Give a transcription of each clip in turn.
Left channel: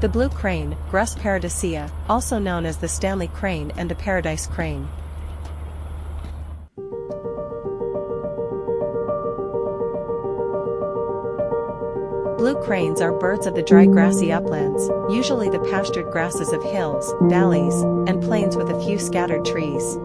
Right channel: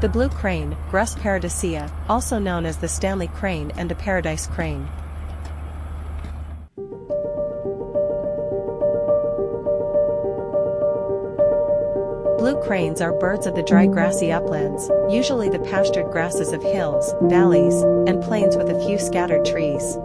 The blue crane, Grus paradisea, also known as the Stanley crane and the paradise crane. Blue cranes are birds of the dry grassy uplands, usually the pastured grasses of hills, valleys, and plains with a few scattered trees.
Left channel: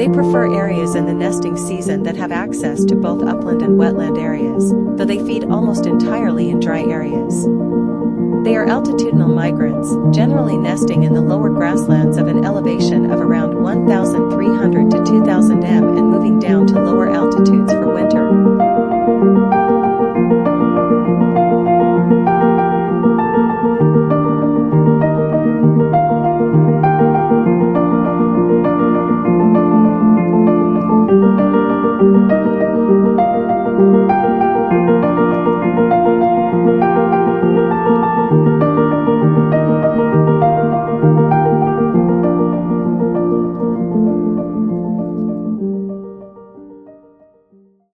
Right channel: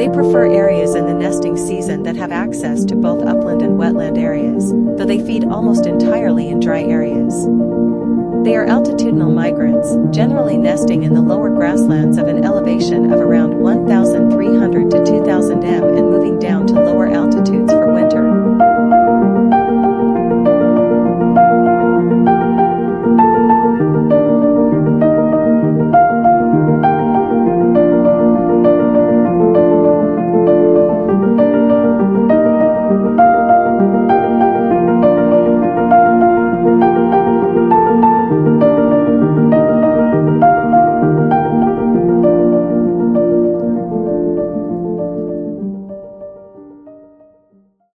They prefer areas in the nesting season that have access to both upland and wetland areas, though they feed almost entirely in dry areas. They are altitudinal migrants, generally nesting in the lower grasslands of an elevation of around 1,300 to 2,000 m